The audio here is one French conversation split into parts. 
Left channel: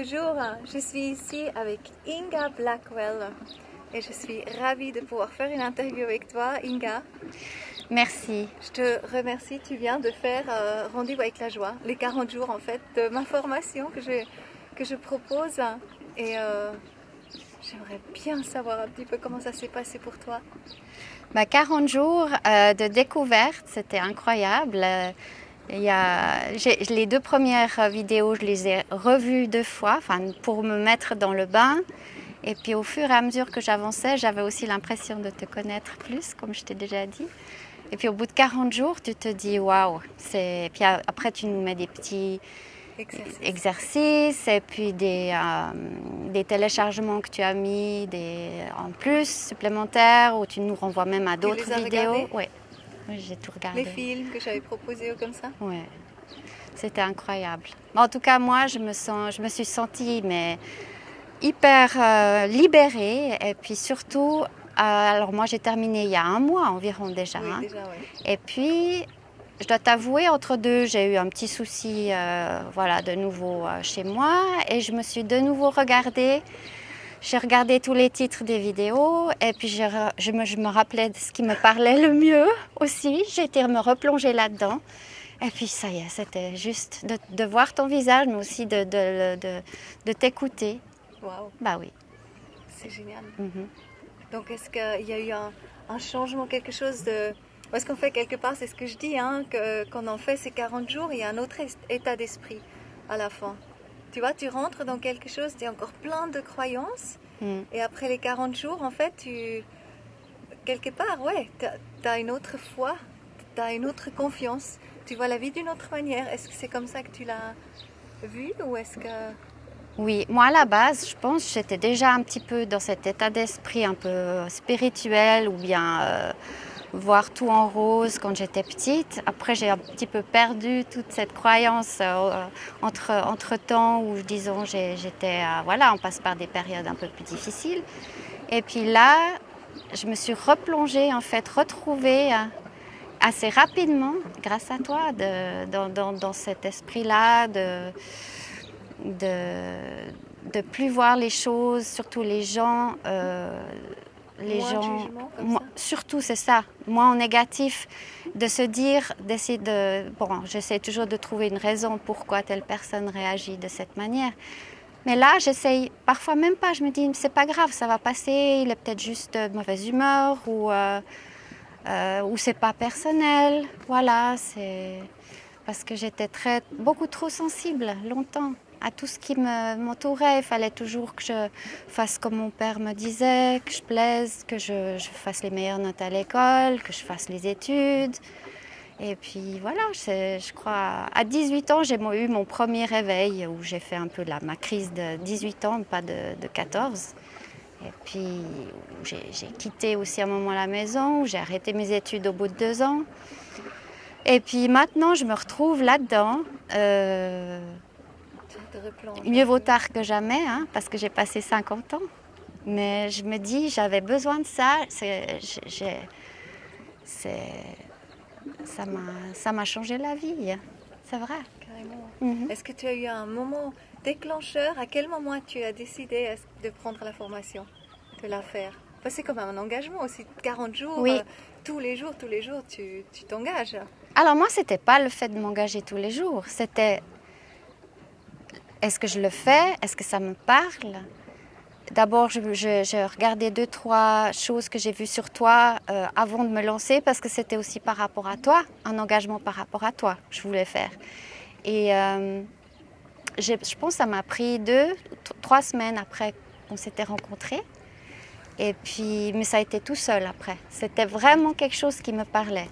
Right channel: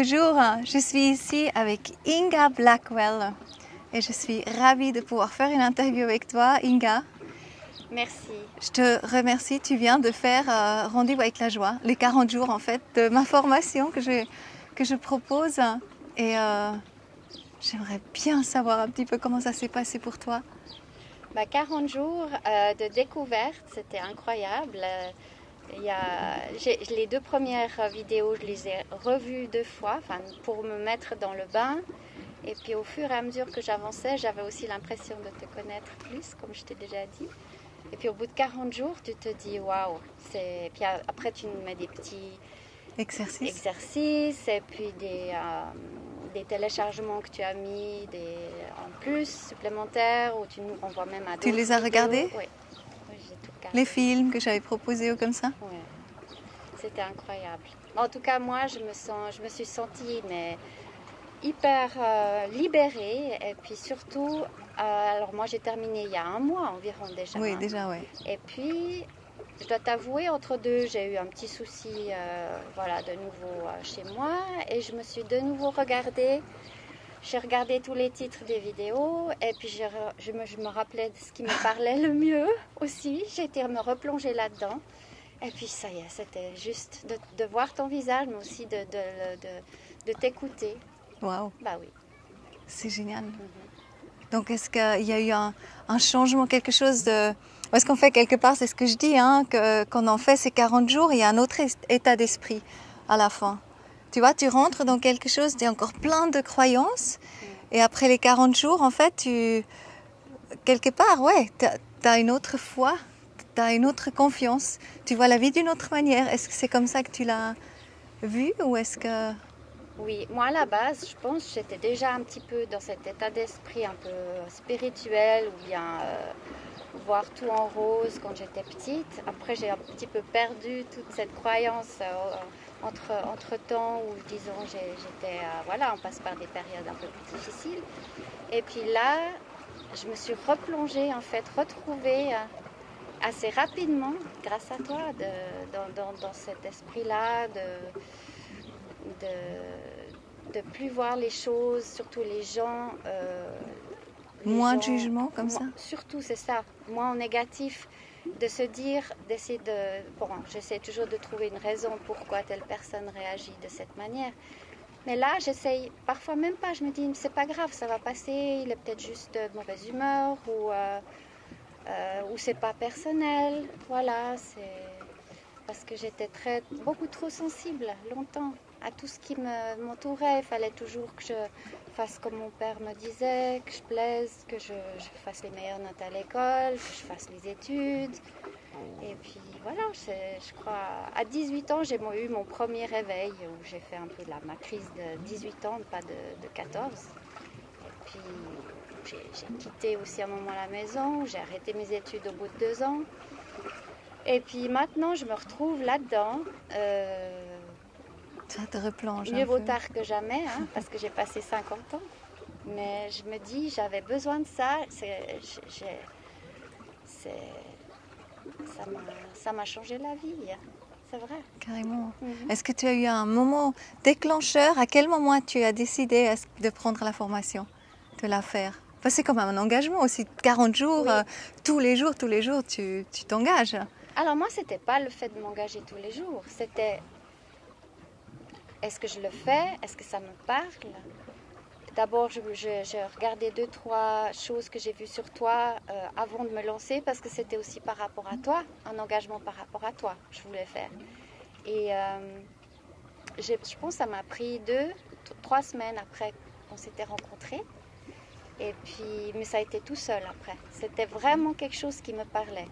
Bonjour, je suis ici avec Inga Blackwell et je suis ravie de pouvoir faire une interview avec toi, Inga. Merci. Je te remercie, tu viens de faire Rendez-vous avec la joie, les 40 jours en fait de ma formation que je propose et j'aimerais bien savoir un petit peu comment ça s'est passé pour toi. 40 jours de découverte, c'était incroyable. Les 2 premières vidéos, je les ai revues 2 fois pour me mettre dans le bain. Et puis au fur et à mesure que j'avançais, j'avais aussi l'impression de te connaître plus, comme je t'ai déjà dit. Et puis au bout de 40 jours, tu te dis waouh. Puis après, tu nous mets des petits exercices et puis des téléchargements que tu as mis en plus supplémentaires où tu nous renvoies même à d'autres vidéos. Tu les as regardés? Oui, j'ai tout regardé. Les films que j'avais proposés ou comme ça? Oui, c'était incroyable. En tout cas, moi, je me suis sentie hyper libérée et puis surtout, alors moi j'ai terminé il y a 1 mois environ déjà. Oui, déjà, oui. Et puis, je dois t'avouer, entre deux, j'ai eu un petit souci de nouveau chez moi et je me suis de nouveau regardée. J'ai regardé tous les titres des vidéos et puis je me rappelais de ce qui me parlait le mieux aussi. J'ai été me replonger là-dedans. Et puis ça y est, c'était juste de voir ton visage, mais aussi de t'écouter. Waouh. Bah oui. C'est génial. Donc est-ce qu'il y a eu un changement, quelque chose de... Parce qu'en fait, quelque part, c'est ce que je dis, qu'on en fait ces 40 jours, il y a un autre état d'esprit à la fin. Tu vois, tu rentres dans quelque chose, tu es encore plein de croyances. Et après les 40 jours, en fait, quelque part, ouais, tu as une autre foi, tu as une autre confiance. Tu vois la vie d'une autre manière. Est-ce que c'est comme ça que tu l'as vu ou est-ce que... Oui, moi à la base, je pense que j'étais déjà un petit peu dans cet état d'esprit un peu spirituel ou bien voir tout en rose quand j'étais petite. Après, j'ai un petit peu perdu toute cette croyance entre-temps où, disons, j'étais... voilà, on passe par des périodes un peu plus difficiles. Et puis là, je me suis replongée, en fait, retrouvée assez rapidement, grâce à toi, dans cet esprit-là de plus voir les choses, surtout les gens. Moins de jugement comme ça? Surtout, c'est ça. Moins en négatif, de se dire, d'essayer de... Bon, j'essaie toujours de trouver une raison pourquoi telle personne réagit de cette manière. Mais là, j'essaye, parfois même pas, je me dis, c'est pas grave, ça va passer, il est peut-être juste de mauvaise humeur ou c'est pas personnel. Voilà, c'est parce que j'étais beaucoup trop sensible longtemps à tout ce qui m'entourait. Il fallait toujours que je fasse comme mon père me disait, que je plaise, que je fasse les meilleures notes à l'école, que je fasse les études. Et puis voilà, je crois, à 18 ans, j'ai eu mon premier réveil où j'ai fait un peu ma crise de 18 ans, pas de 14. Et puis j'ai quitté aussi un moment la maison, j'ai arrêté mes études au bout de 2 ans. Et puis maintenant, je me retrouve là-dedans. Ça te replonge. Mieux vaut tard que jamais, parce que j'ai passé 50 ans. Mais je me dis, j'avais besoin de ça. Ça m'a changé la vie. C'est vrai. Carrément. Est-ce que tu as eu un moment déclencheur? À quel moment tu as décidé de prendre la formation, de la faire? Parce que c'est comme un engagement aussi. 40 jours, Oui. tous les jours, tu t'engages. Alors moi, c'était pas le fait de m'engager tous les jours. C'était, est-ce que je le fais? Est-ce que ça me parle? D'abord, je regardais 2-3 choses que j'ai vues sur toi avant de me lancer parce que c'était aussi par rapport à toi, un engagement par rapport à toi que je voulais faire. Et je pense que ça m'a pris 2-3 semaines après qu'on s'était rencontrés. Et puis, mais ça a été tout seul après. C'était vraiment quelque chose qui me parlait.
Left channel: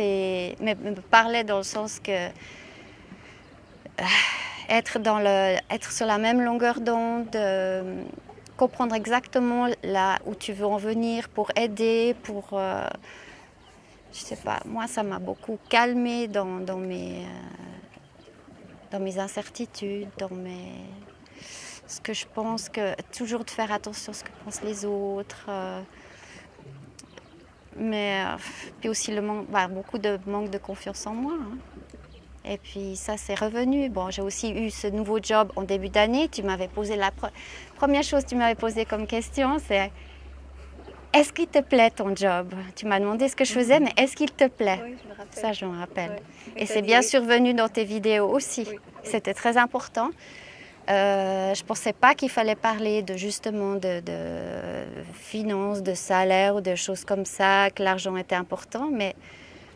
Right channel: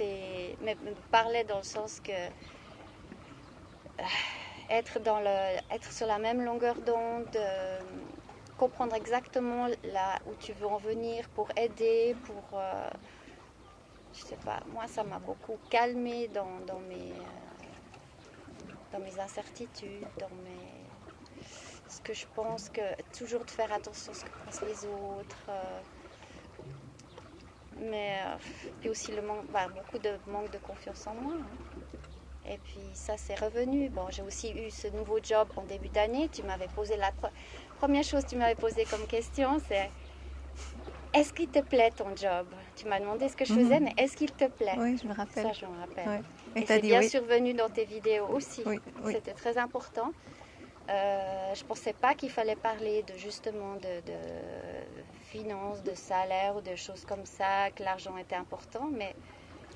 Mais me parlait dans le sens que être sur la même longueur d'onde, comprendre exactement là où tu veux en venir pour aider, je sais pas, moi ça m'a beaucoup calmée dans mes incertitudes, ce que je pense, toujours de faire attention à ce que pensent les autres. Mais puis aussi beaucoup de manque de confiance en moi. Et puis ça, c'est revenu. Bon, j'ai aussi eu ce nouveau job en début d'année. Tu m'avais posé la première chose que tu m'avais posée comme question, c'est est-ce qu'il te plaît ton job? Tu m'as demandé ce que je faisais, mais est-ce qu'il te plaît? Oui, je me rappelle. Ça, je me rappelle. Ouais. Et c'est bien oui. survenu dans tes vidéos aussi. Oui, oui. C'était très important. Je ne pensais pas qu'il fallait parler de justement de finances, de salaire ou de choses comme ça, que l'argent était important, mais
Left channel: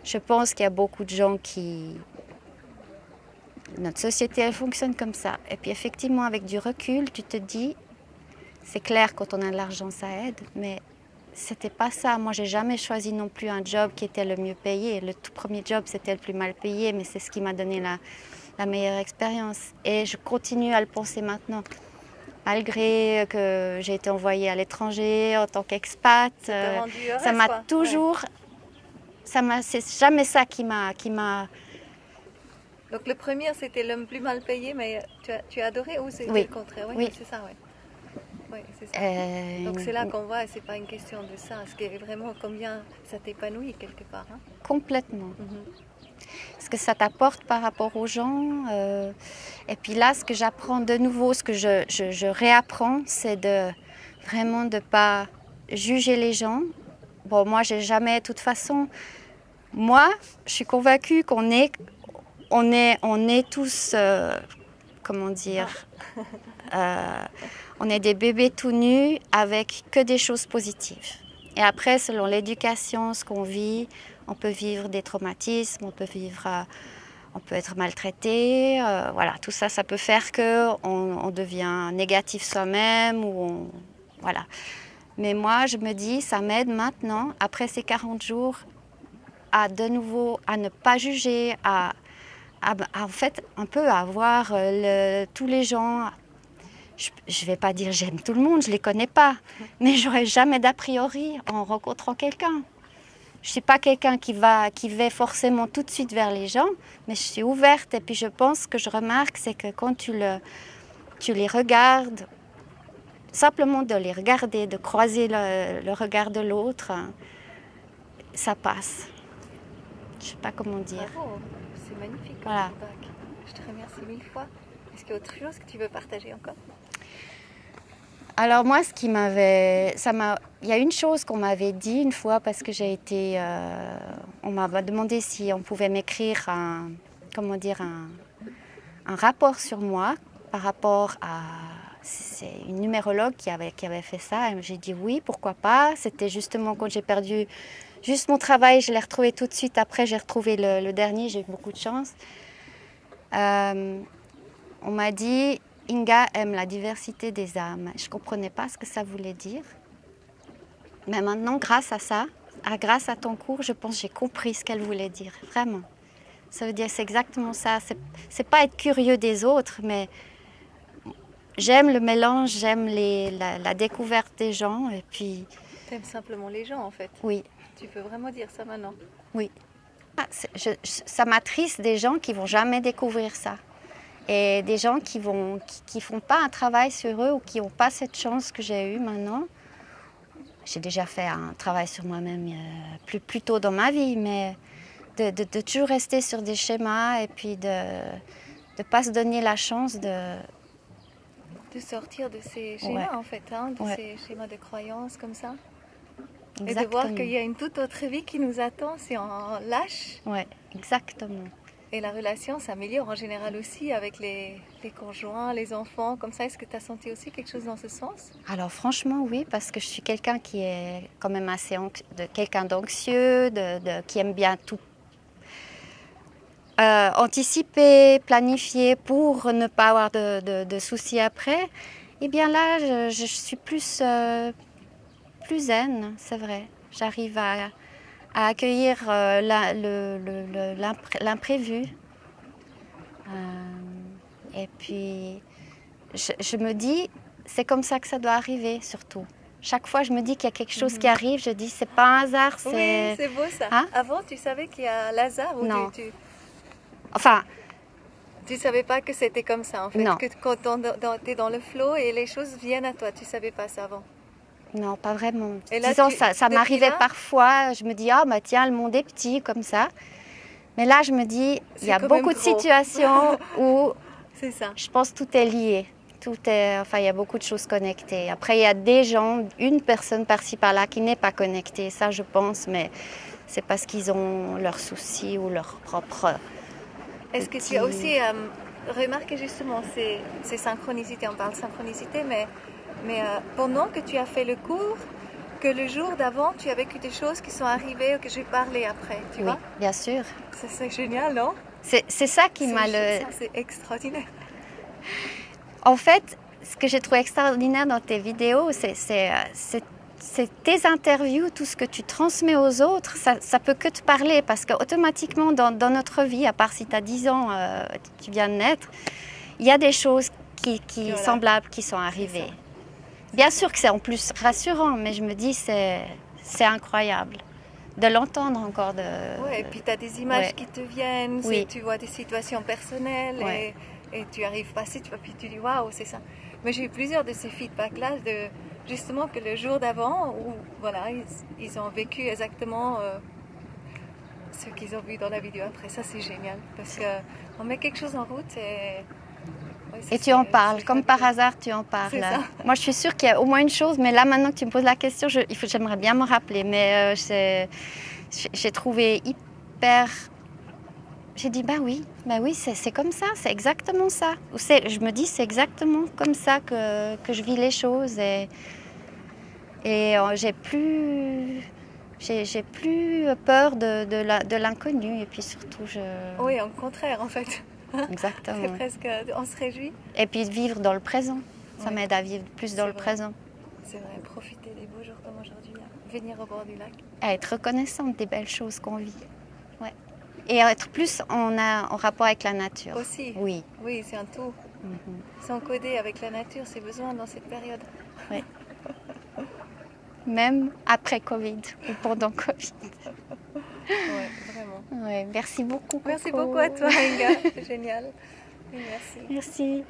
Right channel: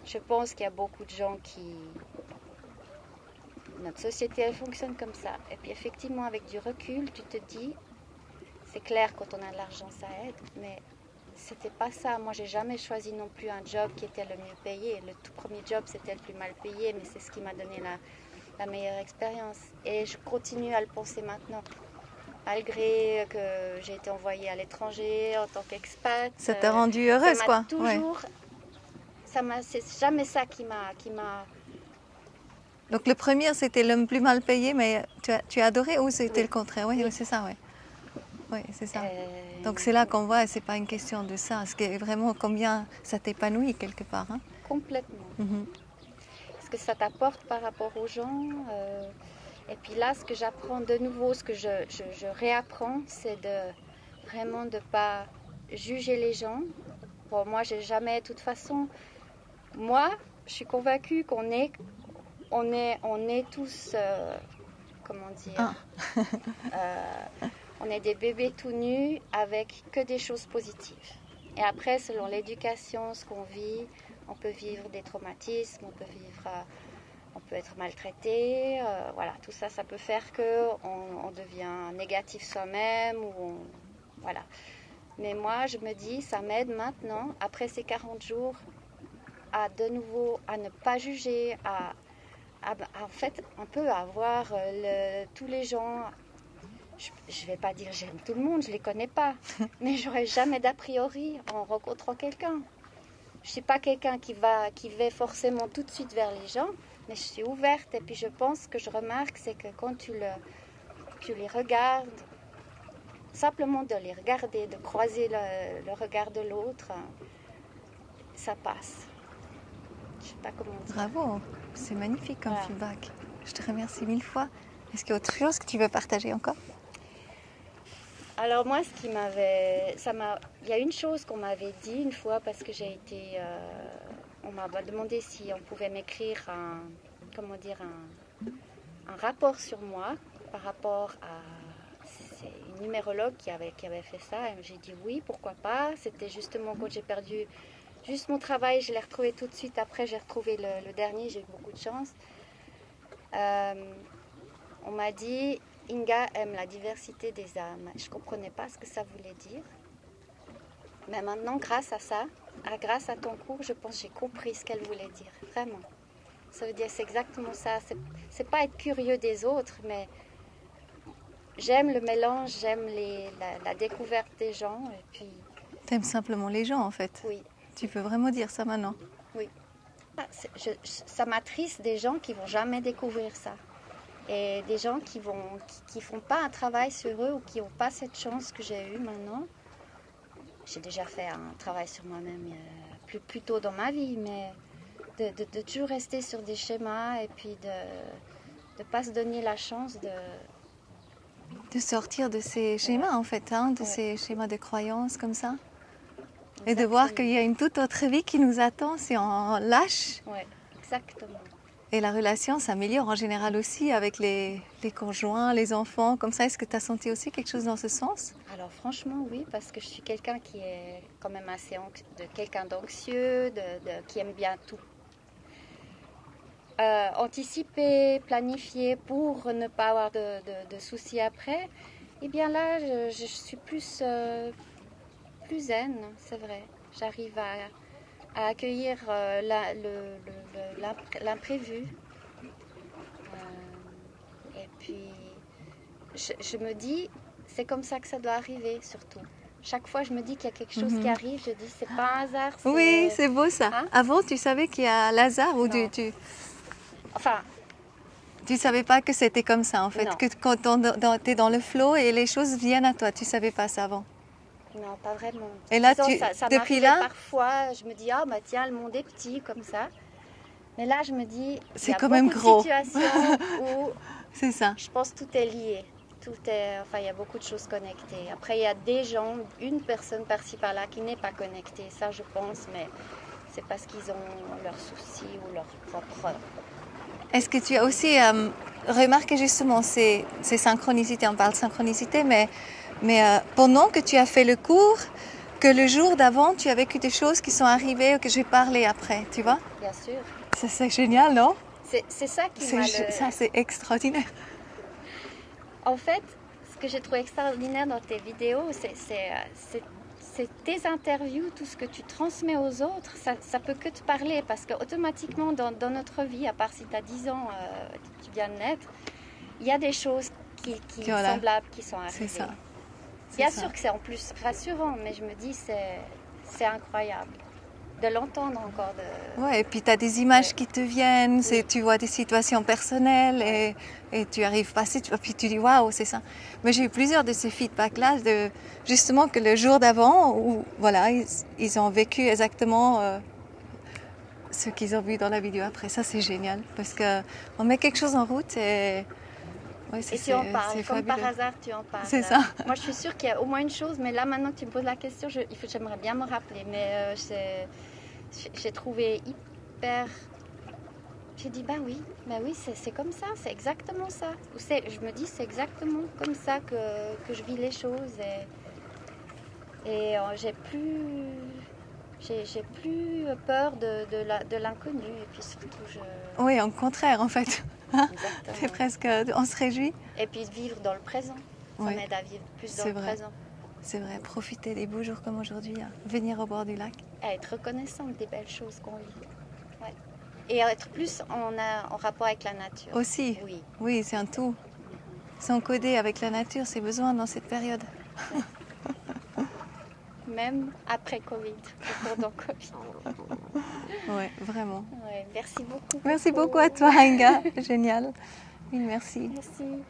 je pense qu'il y a beaucoup de gens qui... Notre société, elle fonctionne comme ça. Et puis effectivement, avec du recul, tu te dis, c'est clair, quand on a de l'argent, ça aide, mais c'était pas ça. Moi, j'ai jamais choisi non plus un job qui était le mieux payé. Le tout premier job, c'était le plus mal payé, mais c'est ce qui m'a donné la meilleure expérience. Et je continue à le penser maintenant. Malgré que j'ai été envoyée à l'étranger en tant qu'expat. Ça t'a rendu heureuse, ça m'a quoi. toujours... C'est jamais ça qui m'a... Donc le premier, c'était le plus mal payé, mais tu as adoré ou c'était Oui. le contraire? Oui, Oui. oui, c'est ça, oui. Oui, c'est ça. Euh, Donc c'est là qu'on voit, c'est pas une question de ça, c'est vraiment combien ça t'épanouit quelque part. Hein? Complètement. Mhm. Ce que ça t'apporte par rapport aux gens. Et puis là, ce que j'apprends de nouveau, ce que je réapprends, c'est vraiment de ne pas juger les gens. Bon, moi, j'ai jamais, de toute façon, moi, je suis convaincue qu'on est tous, comment dire, on est des bébés tout nus avec que des choses positives. Et après, selon l'éducation, ce qu'on vit, on peut vivre des traumatismes, on peut être maltraité. Voilà, tout ça, ça peut faire qu'on devient négatif soi-même. Voilà. Mais moi, je me dis, ça m'aide maintenant, après ces 40 jours, à de nouveau, à ne pas juger, en fait, un peu à voir tous les gens. Je ne vais pas dire j'aime tout le monde, je ne les connais pas, mais j'aurais jamais d'a priori en rencontrant quelqu'un. Je ne suis pas quelqu'un qui va forcément tout de suite vers les gens, mais je suis ouverte. Et puis je pense que je remarque, c'est que quand tu les regardes, simplement de les regarder, de croiser le regard de l'autre, ça passe. Je ne sais pas comment dire. Bravo, c'est magnifique comme Voilà. feedback. Je te remercie 1000 fois. Est-ce qu'il y a autre chose que tu veux partager encore? Alors moi, il y a une chose qu'on m'avait dit une fois parce que on m'avait demandé si on pouvait m'écrire un rapport sur moi par rapport à... C'est une numérologue qui avait fait ça. Et j'ai dit oui, pourquoi pas. C'était justement quand j'ai perdu juste mon travail, je l'ai retrouvé tout de suite. Après, j'ai retrouvé le dernier, j'ai eu beaucoup de chance. On m'a dit... Inga aime la diversité des âmes. Je ne comprenais pas ce que ça voulait dire. Mais maintenant, grâce à ça, grâce à ton cours, je pense que j'ai compris ce qu'elle voulait dire. Vraiment. Ça veut dire c'est exactement ça. C'est pas être curieux des autres, mais j'aime le mélange, j'aime la découverte des gens. Et puis... T'aimes simplement les gens, en fait. Oui. Tu peux vraiment dire ça maintenant. Oui. Ça m'attriste des gens qui ne vont jamais découvrir ça. Et des gens qui font pas un travail sur eux ou qui n'ont pas cette chance que j'ai eue maintenant. J'ai déjà fait un travail sur moi-même plus tôt dans ma vie, mais de toujours rester sur des schémas et puis de ne pas se donner la chance de sortir de ces schémas, en fait, hein, de ces schémas de croyances comme ça. Exactement. Et de voir qu'il y a une toute autre vie qui nous attend si on lâche. Oui, exactement. Et la relation s'améliore en général aussi avec les conjoints, les enfants, comme ça. Est-ce que tu as senti aussi quelque chose dans ce sens? Alors franchement, oui, parce que je suis quelqu'un qui est quand même assez quelqu'un d'anxieux, qui aime bien tout anticiper, planifier pour ne pas avoir de soucis après. Et bien là, je suis plus zen, c'est vrai. J'arrive à accueillir l'imprévu. Et puis, je me dis, c'est comme ça que ça doit arriver, surtout. Chaque fois, je me dis qu'il y a quelque chose qui arrive, je dis, c'est pas un hasard. Oui, c'est beau ça. Hein? Avant, tu savais qu'il y a l'hasard ou Enfin... Tu ne savais pas que c'était comme ça, en fait. Non. Que quand tu es dans le flow et les choses viennent à toi. Tu ne savais pas ça avant? Non, pas vraiment. Et là, disons, ça m'arrivait parfois, je me dis, ah bah tiens, le monde est petit, comme ça. Mais là, je me dis, il y a quand même beaucoup de gros. situations où C'est ça. je pense que tout est lié. Enfin, il y a beaucoup de choses connectées. Après, il y a des gens, une personne par-ci par-là qui n'est pas connectée. Ça, je pense, mais c'est parce qu'ils ont leurs soucis ou leur propre... Est-ce que tu as aussi remarqué justement ces synchronicités? On parle de synchronicité, mais pendant que tu as fait le cours, que le jour d'avant, tu as vécu des choses qui sont arrivées ou que j'ai parlé après, tu vois? Bien sûr. C'est génial, non? C'est ça qui m'a... Ça, c'est extraordinaire. En fait, ce que j'ai trouvé extraordinaire dans tes vidéos, c'est tes interviews, tout ce que tu transmets aux autres, ça peut que te parler parce qu'automatiquement dans notre vie, à part si tu as 10 ans, tu viens de naître, il y a des choses Voilà. semblables qui sont arrivées. Bien sûr que c'est en plus rassurant, mais je me dis c'est incroyable de l'entendre encore. Ouais, et puis tu as des images qui te viennent, Oui. tu vois des situations personnelles et tu arrives pas, puis tu dis waouh, c'est ça. Mais j'ai eu plusieurs de ces feedbacks-là, justement que le jour d'avant, où voilà, ils ont vécu exactement ce qu'ils ont vu dans la vidéo après. Ça, c'est génial parce qu'on met quelque chose en route et... Ouais, et tu en parles, comme par hasard, tu en parles. C'est ça. Moi, je suis sûre qu'il y a au moins une chose, mais là, maintenant que tu me poses la question, j'aimerais bien me rappeler. Mais j'ai trouvé hyper... J'ai dit, bah oui, c'est comme ça, c'est exactement ça. Je me dis, c'est exactement comme ça que je vis les choses. Et j'ai plus peur de l'inconnu. Et puis surtout, Oui, au contraire, en fait. Exactement. C'est presque... On se réjouit. Et puis vivre dans le présent. Ça m'aide à vivre plus dans le présent. C'est vrai, profiter des beaux jours comme aujourd'hui, venir au bord du lac. À être reconnaissante des belles choses qu'on vit. Ouais. Et à être plus en rapport avec la nature. Aussi. Oui. Oui, c'est un tout. S'encoder avec la nature, c'est besoin dans cette période. Ouais. Même après Covid ou pendant Covid. Oui, vraiment. Ouais, merci beaucoup. Merci beaucoup à toi, Inga. Génial. Merci. Merci.